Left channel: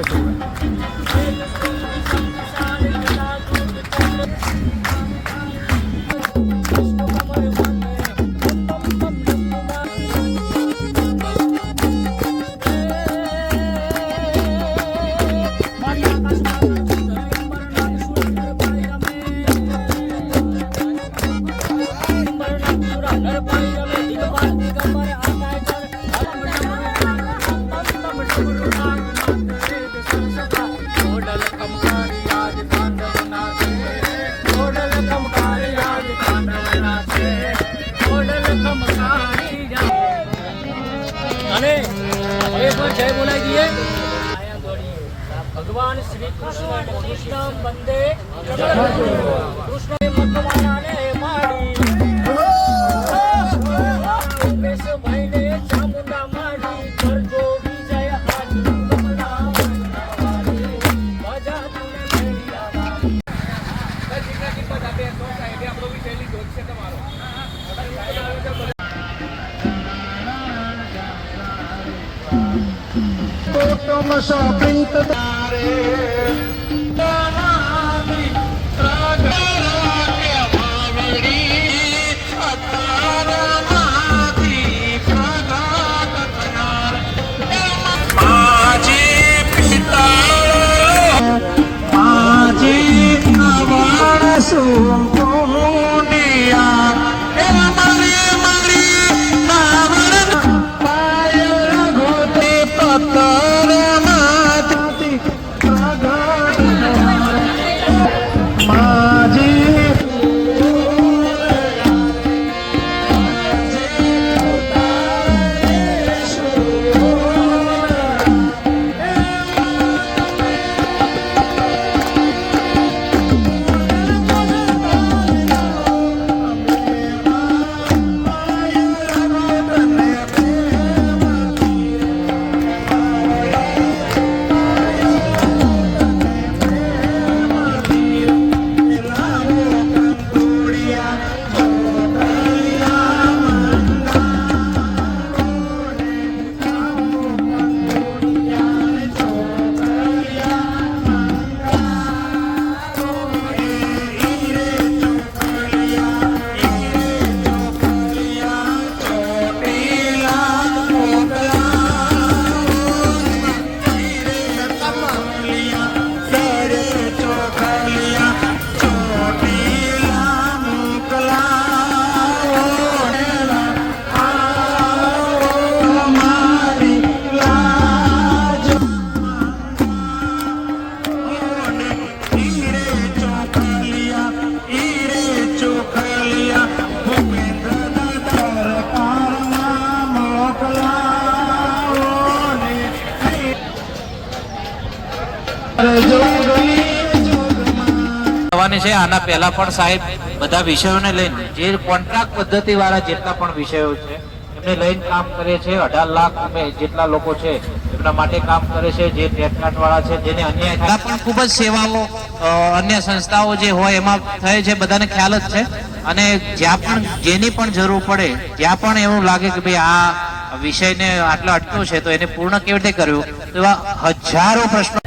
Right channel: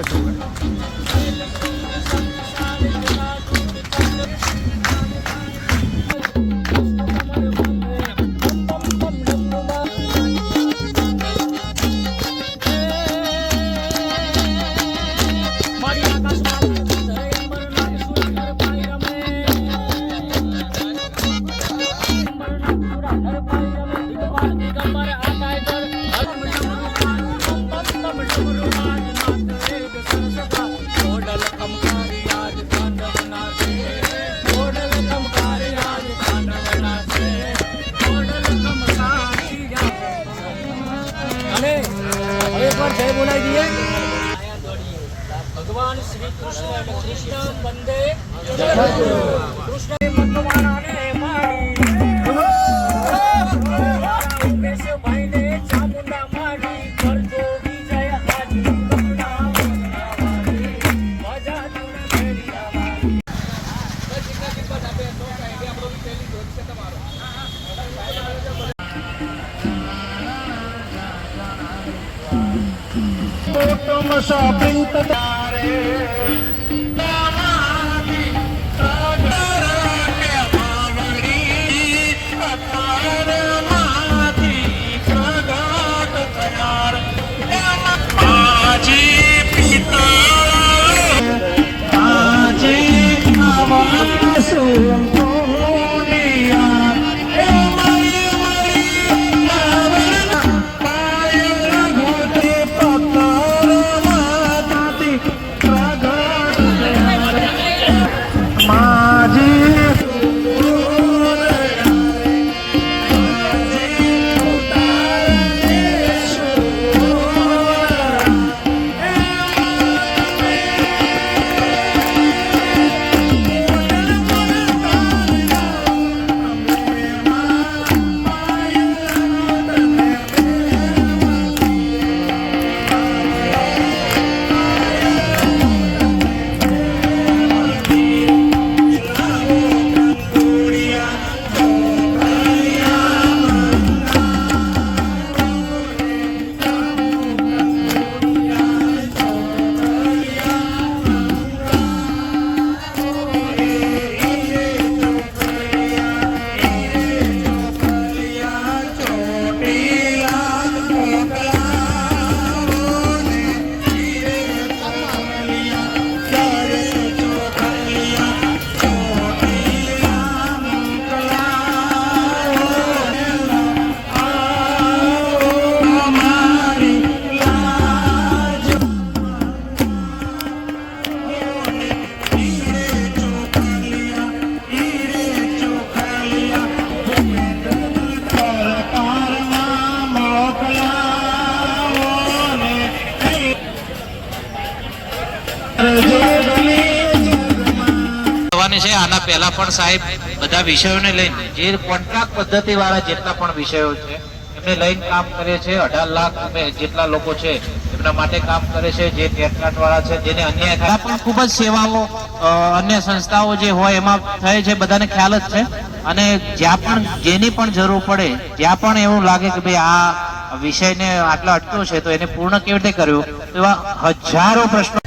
કશું भगवान श्री कृष्ण कृष्ण बंदे कृष्ण भगवान ने मारी उमेश भाई ने चामुंडा मारी कर जो विजय आज मजा तूने मेरी आवारी कजी कजी पर आपे तो साइड આપણો વિજયલી દોર છે તમારો તો તમ શોપિંગ છે। આના પહેલા પણ સાહેબ બધા વિષયોને લઈને જે કોન્ટ્રાક્ટ પદ્ધતિ વાળા જેટલા પણ વિષયો છે એમને લઈને કામ કરે છે। 18 લાખ જેટલા લોકો છે એમના માટે કામ કરે છે। જે ટેટલાટ વાળા છે જેને અન્યાય થાય પણ ખૂબ જ સેવાઓ અન્ય સંસ્થાઓ જે હોય એમાં થાય છે, બધાને ખ્યાલ જ છે। અને જ્યાં પણ જેની પણ જરૂર પડે, જ્યાં પણ એવું લાગે કે ભાઈ આ વિષયને આટલો અટક્યો છે તો એને પૂર્ણ કેવી રીતે કર્યું, એવા હજારો પ્રશ્નો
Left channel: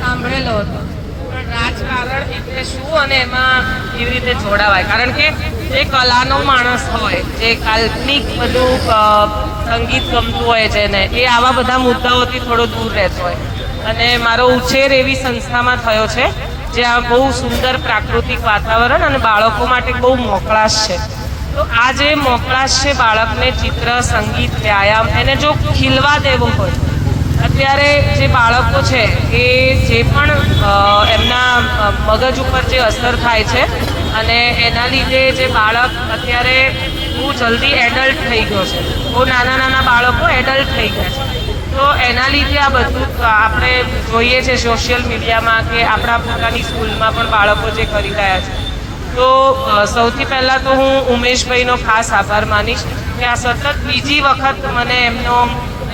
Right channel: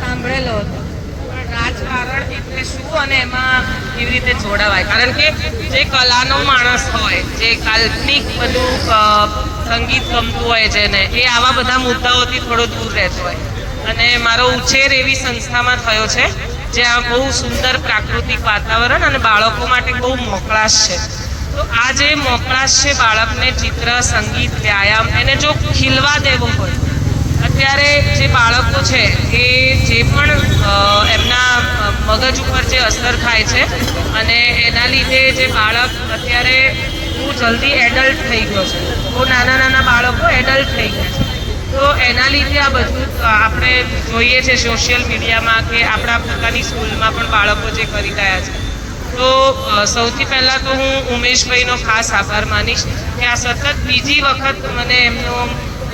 સાંભળેલો હતો, પણ રાજકારણ એટલે શું અને એમાં કેવી રીતે જોડાવાય? કારણ કે જે કલાનો માણસ હોય, જે કાલ્પનિક બધું સંગીત ગમતું હોય છે ને, એ આવા બધા મુદ્દાઓથી થોડો દૂર રહેતો હોય। અને મારો ઉછેર એવી સંસ્થામાં થયો છે જ્યાં બહુ સુંદર પ્રાકૃતિક વાતાવરણ અને બાળકો માટે બહુ મોકળાશ છે। તો આ જે મોકળાશ છે બાળકને ચિત્ર, સંગીત, વ્યાયામ એને જો ખીલવા દેવો હોય, અત્યારે જે બાળકો છે એ જે પણ એમના મગજ ઉપર જે અસર થાય છે અને એના લીધે જે બાળક અત્યારે બહુ જલ્દી એડલ્ટ થઈ ગયો છે, બહુ નાના નાના બાળકો એડલ્ટ થઈ ગયા છે। તો એના લીધે આ બધું આપણે જોઈએ છે સોશિયલ મીડિયામાં કે આપણા પોતાની સ્કૂલમાં પણ બાળકો જે કરી રહ્યા છે। તો સૌથી પહેલાં તો હું ઉમેશભાઈનો ખાસ આભાર માનીશ કે આ સતત બીજી વખત મને એમનો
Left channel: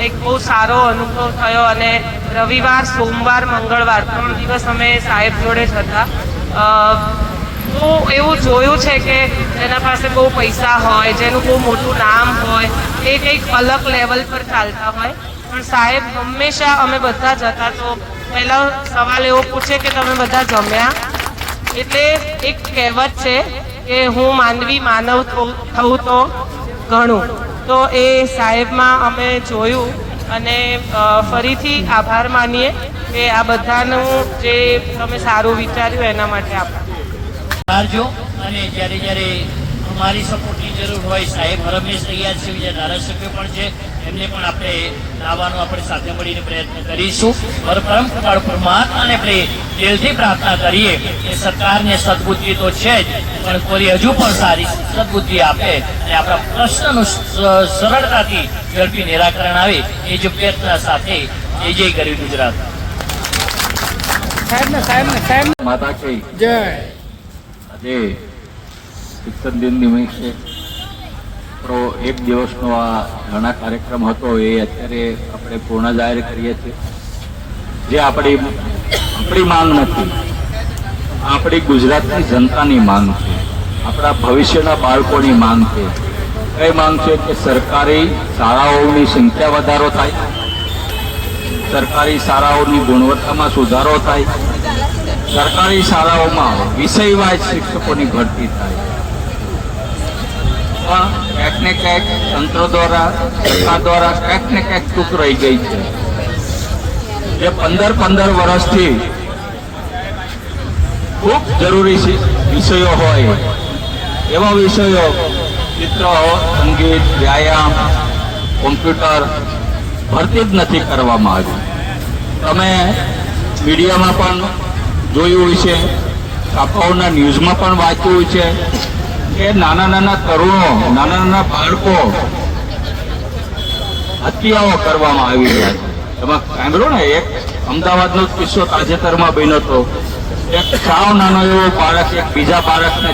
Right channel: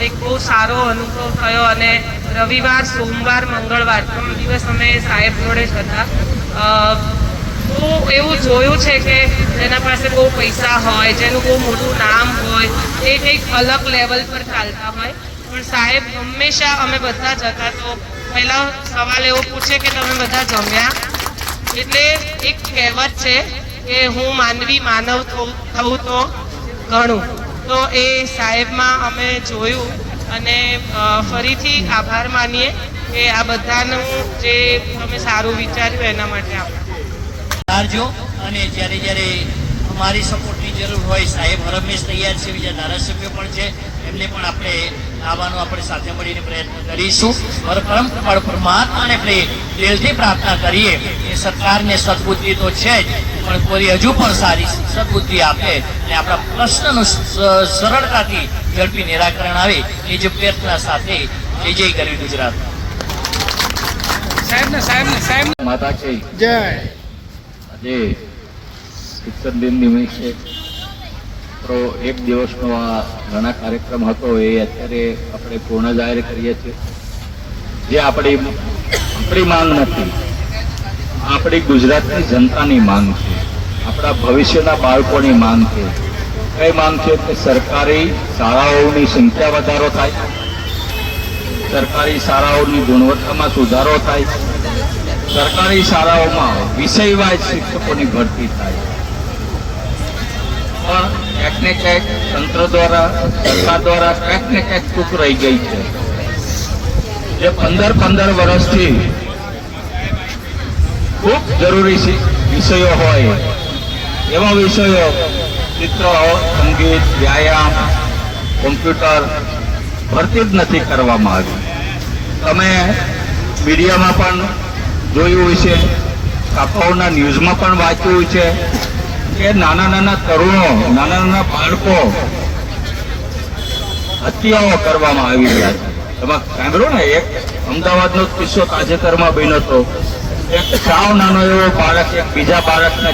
એક બહુ સારો અનુભવ થયો અને રવિવાર, સોમવાર, મંગળવાર 3 દિવસ અમે સાહેબ જોડે જ હતા। તો એવું જોયું છે કે જેના પાસે બહુ પૈસા હોય, જેનું બહુ મોટું નામ હોય, એ કંઈક અલગ લેવલ પર ચાલતા હોય. પણ સાહેબ હંમેશા અમે બધા જતા તો પહેલા સવાલ એવો પૂછે કે તમે બધા જમ્યા? એટલે એક કહેવત છે કે હું માનવી માનવ થવું તો ઘણું. તો એ સાહેબમાં અમે જોયું અને ફરીથી આભાર માનીએ કે આ બધાનું જે તમે સારું વિચાર્યું એના માટે આભાર. અને જ્યારે અમારી સપોર્ટની જરૂર હોય સાહેબ હરમેશ તૈયાર છે, બીજા ધારાસભ્યો પણ છે, એમને પણ આપણે લાવવાનો આપણે સાથે મળીને પ્રયત્ન કરીશું. પરમ કૃપાળુ પરમાત્માને આપણે દિલથી પ્રાર્થના કરીએ કે સરકારને સદબુદ્ધિ તો છે જ, પણ કોઈ હજુ પણ સારી સદબુદ્ધિ આપે અને આપણા પ્રશ્નનું સરળતાથી ઝડપી નિરાકરણ આવે એ જ પ્રયત્ન સાથે જય કરી ગુજરાત. માતા છે જય આજે શિક્ષણ દિન નિમિત્તે એક દિવસનો આ ઘણા કાર્યક્રમ હતો એ અત્યારે આપણે પૂર્ણ જાહેર કરીએ છીએ. જે આપણી માંગ નથી, આપણી ગુજરાતની જનતાની માંગ છે, આપણા ભવિષ્યના બાળકોની માંગ છે. એ માંગ છે કે સરકારી શાળાઓની સંખ્યા વધારો થાય, સરકારી શાળાઓની ગુણવત્તામાં સુધારો થાય, સરકારી શાળાઓમાં વિષયવાઇઝ શિક્ષકોની ભરતી થાય. ક્યાંક ને ક્યાંક તંત્ર દ્વારા, સરકાર દ્વારા ક્યાંક ને ક્યાંક ચૂક રહી ગઈ છે. જે 15 વર્ષથી ખૂબ જરૂરી વિષયો હોય એવા વિષયો ચિત્ર, સંગીત, વ્યાયામ, કોમ્પ્યુટર ભરતી જ નથી કરવામાં આવી. તમે મીડિયામાં પણ જોયું છે, છાપાઓના ન્યૂઝમાં પણ વાંચ્યું છે કે નાના તરુણો, નાના બાળકો હત્યાઓ કરવામાં આવી રહ્યા છે. એમાં સાંભળ્યો ને, એક અમદાવાદનો કિસ્સો તાજેતરમાં બન્યો હતો. એક સાવ નાનો એવો બાળક એક બીજા બાળકને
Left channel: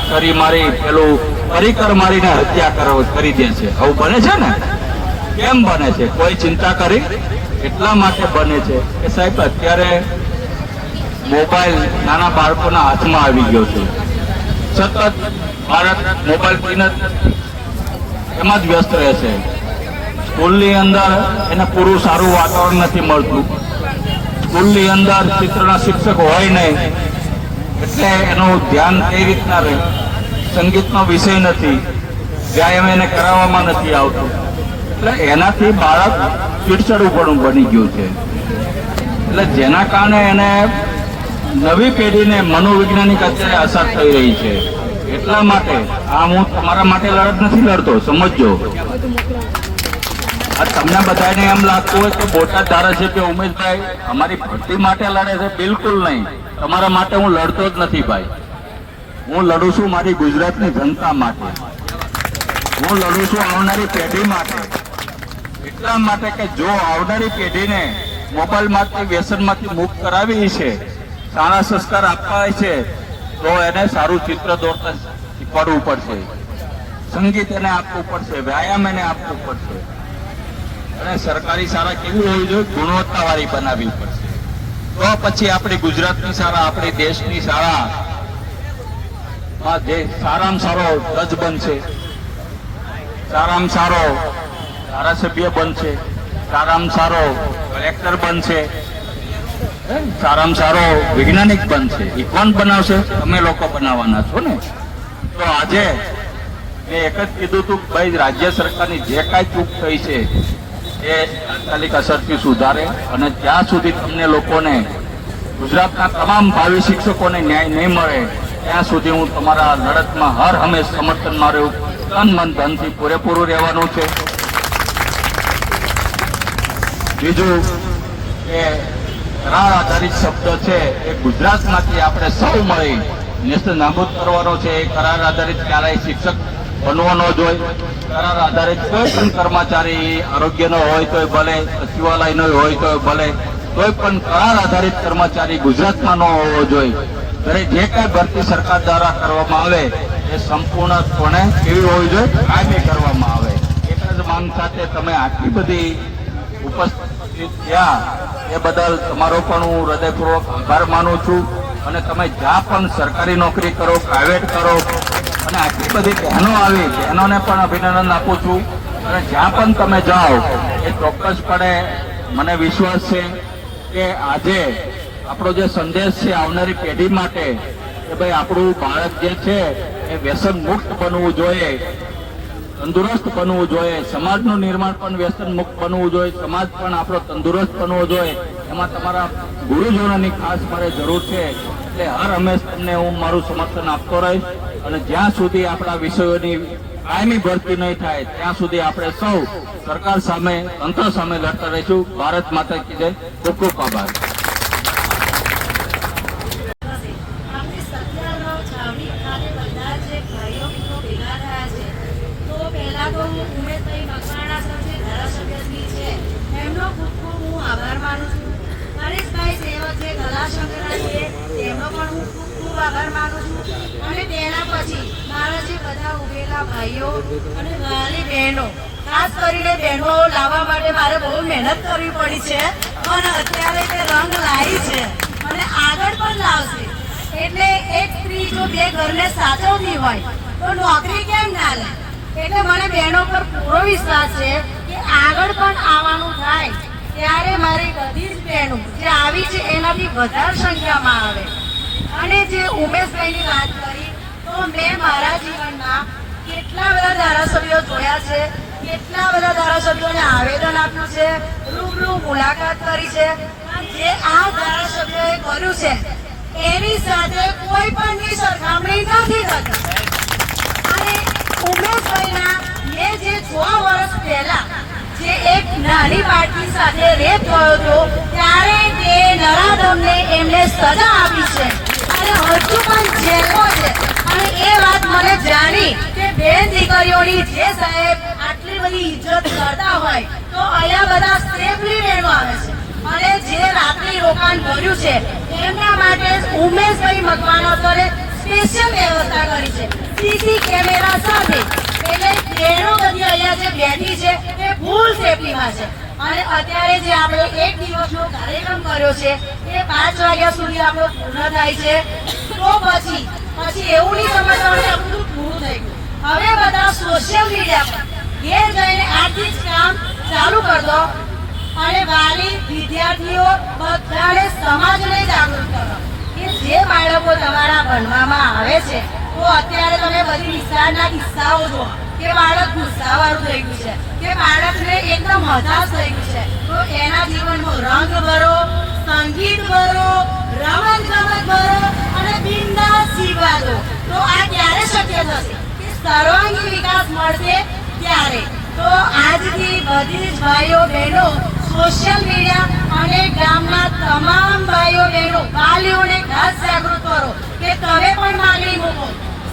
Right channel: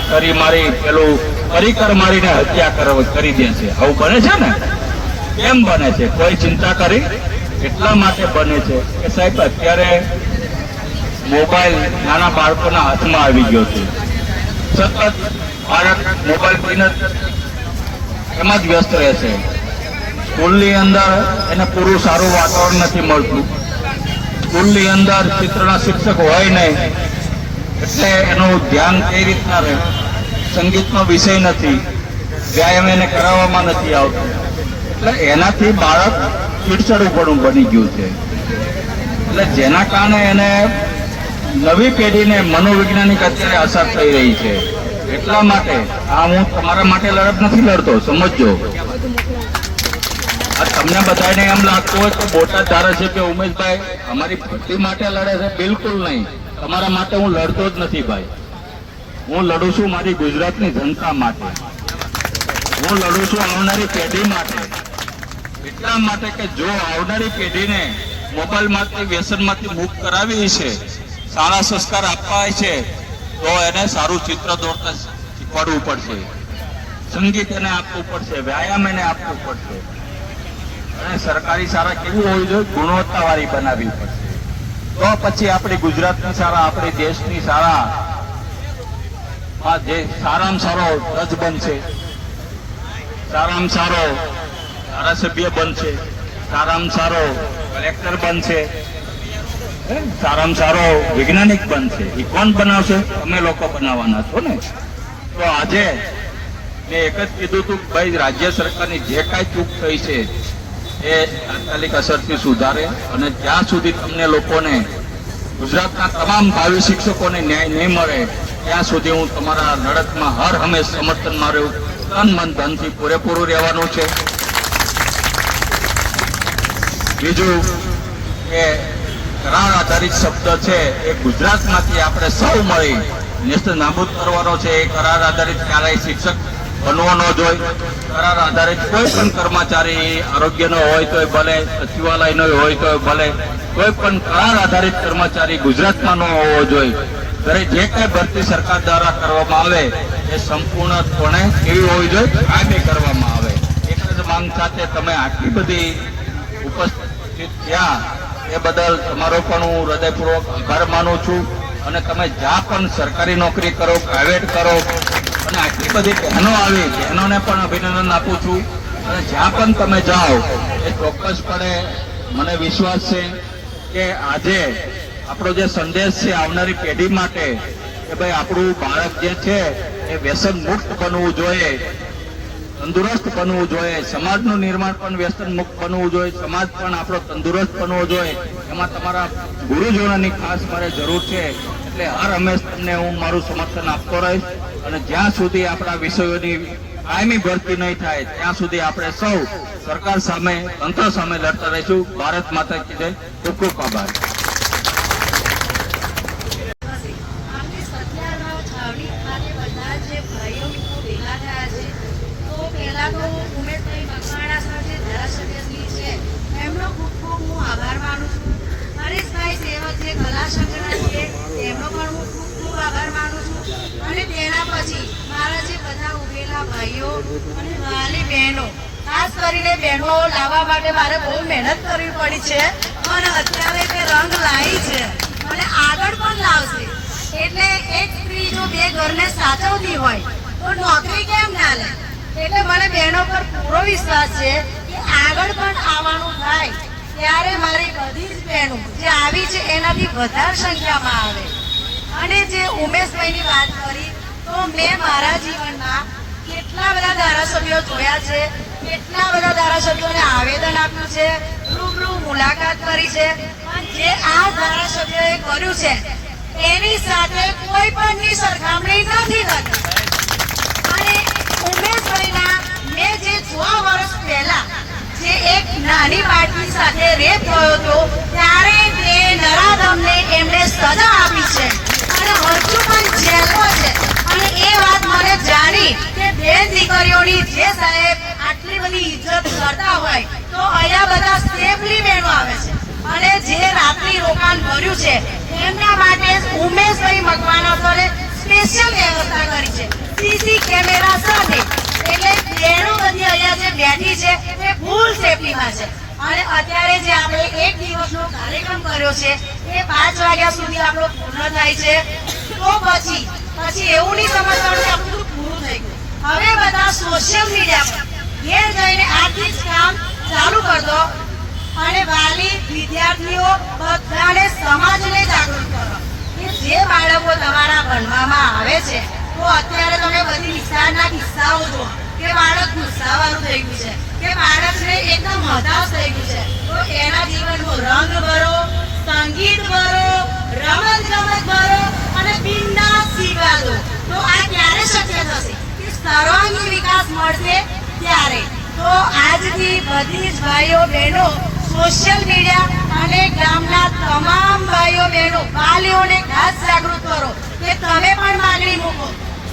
પેલું પરિકર મારીને હત્યા કરી દે છે. આવું બને છે ને? કેમ બને છે? કોઈ ચિંતા કરી? એટલા માટે બને છે કે સાહેબ અત્યારે મોબાઈલ નાના બાળકોના હાથમાં આવી ગયો છે. સતત બાળક મોબાઈલ પીને એમાં જ વ્યસ્ત રહે છે. સ્કૂલની અંદર એને પૂરું સારું વાતાવરણ નથી મળતું. સ્કૂલની અંદર ચિત્રના શિક્ષક હોય નહીં એટલે એનું ધ્યાન કઈ રીતના રહે. સંગીતનો વિષય નથી, વ્યાયામ એને કરાવવામાં નથી આવતું. એટલે એનાથી બાળક ચીડચડું બની ગયું છે. એટલે જેના કારણે એને નવી પેઢીને મનોવૈજ્ઞાનિક અત્યારે અસર થઈ રહી છે. એટલા માટે આ હું તમારા માટે લડત નથી લડતો, સમજજો. આ તમને બધાને એમ લાગતું હોય તો બોટાદ ધારાસભ્ય ઉમેશભાઈ અમારી ભરતી માટે લડે છે, બિલકુલ નહીં. તમારા માટે હું લડતો જ નથી ભાઈ. હું લડું છું મારી ગુજરાતની જનતા માટે. હું લડું છું આવનારી પેઢી માટે. એટલા માટે કે જો આવનારી પેઢીને મોબાઈલમાંથી, વ્યસનમાંથી મુક્ત કરાવી છે, સારા સંસ્કાર આપવા છે, તો એને સારું ચિત્ર દોરતા શીખવાડવું પડશે, સંગીત એને આપવું પડશે, વ્યાયામ એને આપવું પડશે. અને સરકારી શાળા કેવી હોવી જોઈએ? ગુણવત્તાવાળી બનાવવી પડશે. તો પછી આપણી ગુજરાતની શાળા, આપણી દેશની શાળામાં જે સારામાં સારો જજ બનશે, સારામાં સારો ધારાસભ્ય બનશે, સારામાં સારો કલેક્ટર બનશે, સારામાં સારો વૈજ્ઞાનિક બનશે. એ કોણ બનાવશે? તમે લોકો બનાવવાના છો ને. તો આજે મેં એક જ કીધું હતું કે ભાઈ રાજ્ય સરકારની જે કાંઈ ચૂક થઈ છે એ તાત્કાલિક અસરથી સુધારે, અને જ્યાં સુધી તમને લોકોને, ગુજરાતના તમામ ભાવિ શિક્ષકોને ન્યાય નહીં મળે ત્યાં સુધી હું તમારા લડતમાં હર હંમેશ સમર્થનમાં રહ્યું. તન મન ધનથી પૂરેપૂરું રહેવાનું છે. બીજું કે કરાર આધારિત શબ્દ છે એ ગુજરાતમાંથી આપણે સૌ મળી નેસ્ત નાબૂદ કરવાનો છે. એ કરાર આધારિત ક્યારેય શિક્ષક બનવો ન જોઈએ. કરાર આધારિત કોઈ પણ કર્મચારી, આરોગ્યનો હોય તોય ભલે, સચિવાલયનો હોય તોય ભલે, કોઈ પણ કરાર આધારિત કર્મચારી ગુજરાતમાં ન હોવો જોઈએ. ત્યારે જે કાંઈ ભરતી સરકાર દ્વારા કરવામાં આવે એ સંપૂર્ણપણે કેવી હોવી જોઈએ? કાયમી કરવામાં આવે. એક જ માંગ સાથે તમે આટલી બધી ઉપસ્થિત થયા એ બદલ તમારો પણ હું હૃદયપૂર્વક આભાર માનું છું. અને તમે જ્યાં પણ સરકારી નોકરી કરો, પ્રાઇવેટ કરો, અને આટલી બધી બહેનો આવી, બહેનોને પણ અભિનંદન આપું છું. અને જ્યાં પણ તમે જાઓ એ ચોક્કસપણે મને વિશ્વાસ છે કે આજે આપણો જે સંદેશ છે આવનારી પેઢી માટે કે ભાઈ આપણું બાળક જે છે એ વ્યસન મુક્ત બનવું જોઈએ, તંદુરસ્ત બનવું જોઈએ, સમાજનું નિર્માણ પણ વ્યસન મુક્ત બનવું જોઈએ, સમાજ પણ આપણો તંદુરસ્ત બનવો જોઈએ. એમાં તમારા ગુરુજનોની ખાસ મારે જરૂર છે. એટલે હર હંમેશ તમને હું મારું સમર્થન આપતો રહીશ. અને જ્યાં સુધી આપણા વિષયોની કાયમી ભરતી નહીં થાય ત્યાં સુધી આપણે સૌ સરકાર સામે, તંત્ર સામે લડતા રહીશું. ભારત માતા કી જય. ખૂબ ખૂબ આભાર. આપણે 17 છાવણી ખાતે બધા જે ભાઈઓ મિત્રો ભેગા થયા છે. તો પહેલા તો ઉમેશભાઈ મકવાણા સર જે ધારાસભ્યશ્રી છે એમનો ખૂબ ખૂબ હું આભાર માનું છું. પરેશભાઈ સેવક જે કલા સંગ્રહ છે એમનો પણ હું ખૂબ ખૂબ આભાર માનું છું. અને તેના પછી મારા જે બધા ઉભેલા ભાઈઓ અને મારી બહેનો, ખાસ કરીને બહેનો લાવવા માટે મારે બહુ મહેનત કરવી પડી છે અને અત્યારે તે રંગ લાવી છે અને આગળ પણ લાવશે. એટલે એક સ્ત્રી જો બે ઘરને સાચવતી હોય તો નોકરી કેમ ના લે? એટલે મને બહેનો પર પૂરો વિશ્વાસ છે કે આગળ પણ આવવાનું થાય ત્યારે મારી બધી જ બહેનો જે આવી છે એનાથી વધારે સંખ્યામાં આવે. અને જે ઉમેશભાઈની વાત કરી તો મેં મારા જીવનમાં કેટલા બધા ધારાસભ્યો જોયા છે, કેટલા બધા ધારાસભ્યોને આવેદન આપ્યું છે, રૂબરૂ મુલાકાત કરી છે, પણ જે આ ધારાસભ્યોએ કર્યું છે એની સાથે કોઈ પણની સરખામણી નથી થતી. અને ઉમેશભાઈના મેં જે 6 વર્ષ પહેલા જે એક નાની બાળકી સાથે રેપ થયો હતો ત્યારે તે નરાધમને એમને સજા આપી છે અને હજુ પણ જેલમાં છે. અને એ વાત મને જાણી કે બેન દીકરીઓની જે સાહેબ આટલી બધી ઇજ્જત કરતા હોય તો અહીંયા બધા સેફલી બહેનો આવે છે. અને જે રાત્રિ રોકાણ કર્યું છે એમના માટે ઉમેશભાઈ મકવાણા સરે સ્પેશિયલ વ્યવસ્થા કરી છે સીસી કેમેરા સાથે. એટલે બહેનો બધી અહીંયા જે બેઠી છે એ ફૂલ સેફટીમાં છે. અને અત્યારે જે આપણે એક દિવસનો કાર્યક્રમ કર્યો છે એ 5 વાગ્યા સુધી આપણો પૂર્ણ થાય છે. તો પછી એવું નહીં સમજવાનું કે આપણું પૂરું થઈ ગયું. હવે બધા સોશિયલ મીડિયા પર ઘેર જઈને આજથી જ કામ ચાલુ કરી દો અને વાલી, વિદ્યાર્થીઓ બધાને સમાજને જાગૃત કરો કે જે બાળકો તમારા ભણવામાં આવે છે તો અત્યારે તમે બધી વિસ્તારના કિસ્સાઓ જુઓ કે બાળક ગુસ્સાવાળું થઈ ગયું છે, કે બાળકને એકદમ હતાશ થઈ ગયું છે. તો એના જીવનનો રંગ ભરો, સંગીત ભરો, રમત ગમત ભરો અને બિંદાસ શીખવા દો. તો આ ક્યારે શક્ય થશે કે સર્વાંગી વિકાસ મળશે ત્યારે. તો આજથી બધી જ ભાઈઓ બહેનો સોશિયલ મીડિયા અને ગામના તમામ ભાઈઓ બહેનો વાલીઓને ખાસ જાગૃત કરો કે તમે પણ માંગણી મૂકો,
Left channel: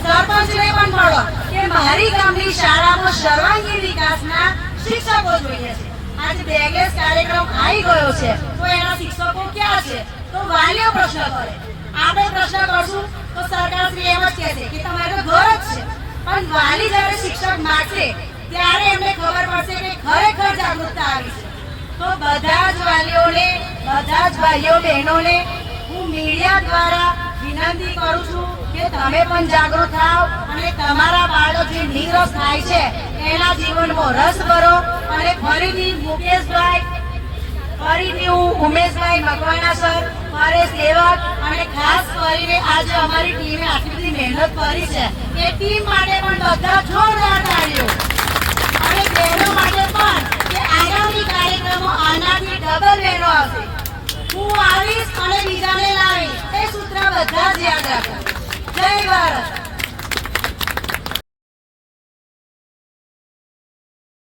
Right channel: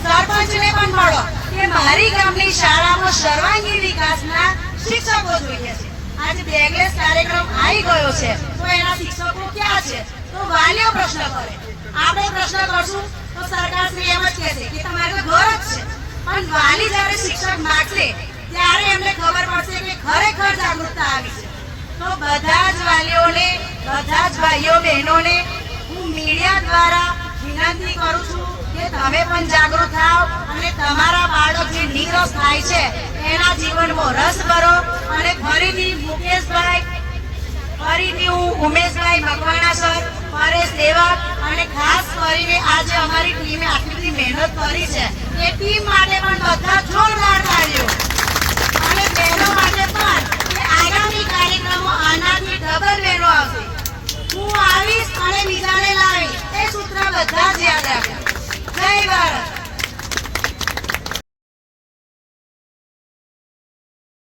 સરપંચને પણ મળો કે મારી ગામની શાળામાં સર્વાંગી વિકાસના શિક્ષકો જોઈએ છે. આજે બેગલેસ કાર્યક્રમ આવી ગયો છે તો એના શિક્ષકો ક્યાં છે? તો વાલીઓ પ્રશ્ન કરે. આપણે પ્રશ્ન કરશું તો સરકારશ્રી એમ જ કહેશે કે તમારે ઘર જ છે. પણ વાલી જ્યારે શિક્ષક માંગશે ત્યારે એમને ખબર પડશે કે ખરેખર જાગૃતતા આવી છે. તો બધા જ વાલીઓને, બધા જ ભાઈઓ બહેનોને હું મીડિયા દ્વારા વિનંતી કરું છું કે તમે પણ જાગૃત થાઓ અને તમારા બાળક જે નિરસ થાય છે એના જીવનમાં રસ ભરો. અને ફરીથી મુકેશભાઈ, ફરીથી હું ઉમેશભાઈ મકવાણા સર, પરેશ સેવક અને ખાસ કરીને આજે અમારી ટીમે આટલી બધી મહેનત કરી છે એ ટીમ માટે પણ બધા જોરદાર તાળીઓ. અને બહેનો માટે પણ કે આગામી કાર્યક્રમો આનાથી ડબલ બહેનો આવશે. હું આવીશ અને બીજાને લાવીશ એ સૂત્ર બધા જ યાદ રાખો. જય ભારત.